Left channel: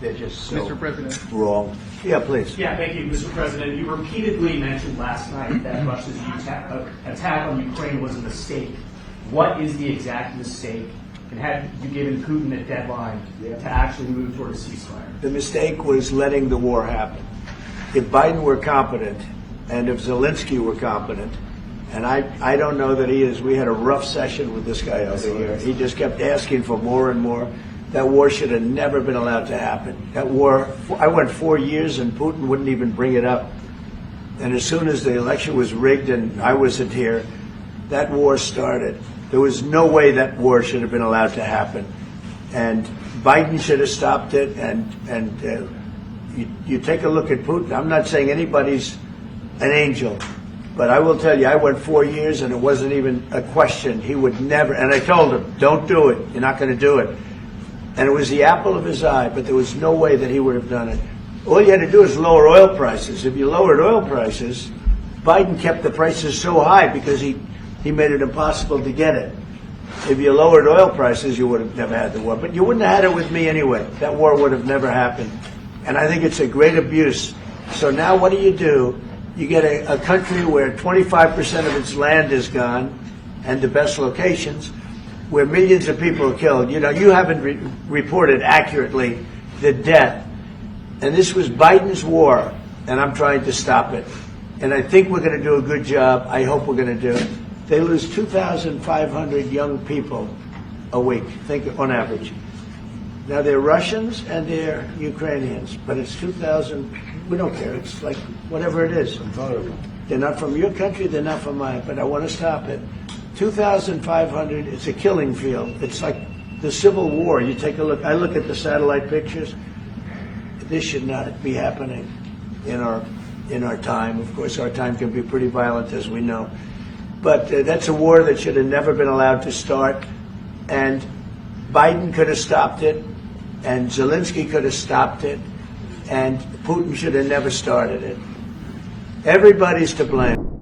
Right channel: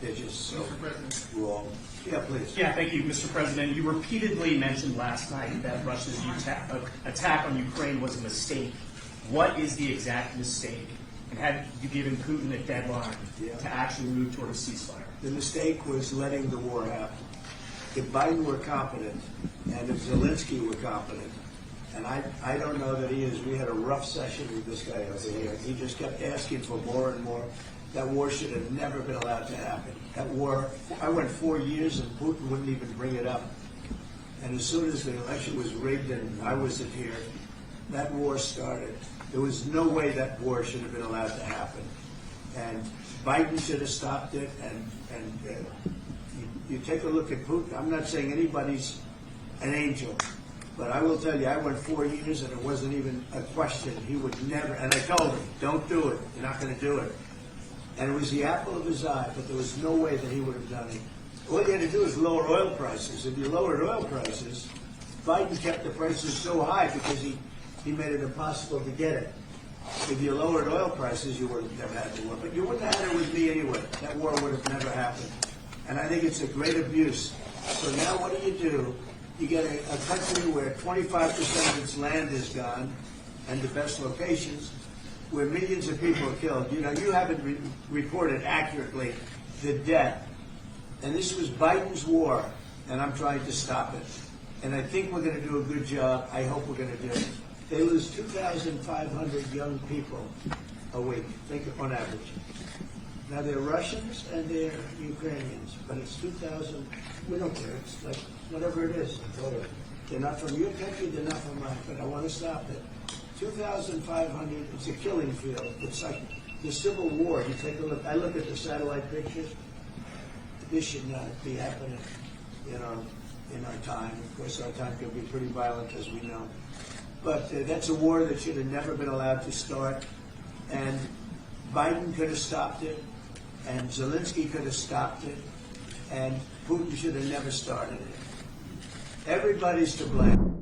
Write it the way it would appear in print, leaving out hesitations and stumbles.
they're just so Mr. President. wrong. Yeah, please. Yeah, thank you, Mr. President. You repeatedly mentioned last night that Russia's attack on Ukraine was a mistake. What is the exact mistake? And have you given Putin a deadline to actually move toward a ceasefire? The mistake was letting the war happen. If Biden were competent, and if Zelensky were competent, and I don't know that he is. We had a rough session with this guy over here. He just kept asking for more and more. That war should have never been allowed to happen. That war, I went 4 years and Putin wouldn't even bring it up. And as soon as the election was rigged and I wasn't here, that war started. There was no way that war should have been allowed to happen. And Biden should have stopped it. And you take a look at Putin. I'm not saying anybody's an angel. But I will tell you, I went 4 years and it wasn't even a question. He would never, and I told him, don't do it. You're not going to do it. And it was the apple of his eye, but there was no way that he would have done it. All you had to do is lower oil prices. If you lowered oil prices, Biden kept the prices so high because he made it impossible to get it. If you lowered oil prices, you would have never had the war. But you wouldn't have had it with me anyway. That war would have never happened. And I think it's a great abuse. So now what do? You get a country where 25% of its land is gone, and the best locations, where millions of people are killed. You know, you haven't reported accurately the death. And this was Biden's war, and I'm trying to stop it. And I think we're going to do a good job. I hope we're going to do it. They lose 2,500 young people a week, think on average. Now, they're Russians and they're Ukrainians, but it's 2,000. We don't care. It's like whatever it is. They're not from your country. They're not from mine, but I want to stop it. 2,500, it's a killing field. It's like the Civil War. You take a look. I look at the satellite pictures. This should not be happening in our time. Of course, our time can be pretty violent, as we know. But that's a war that should have never been allowed to start. And Biden could have stopped it, and Zelensky could have stopped it, and Putin should have never started it. Everybody's to blame.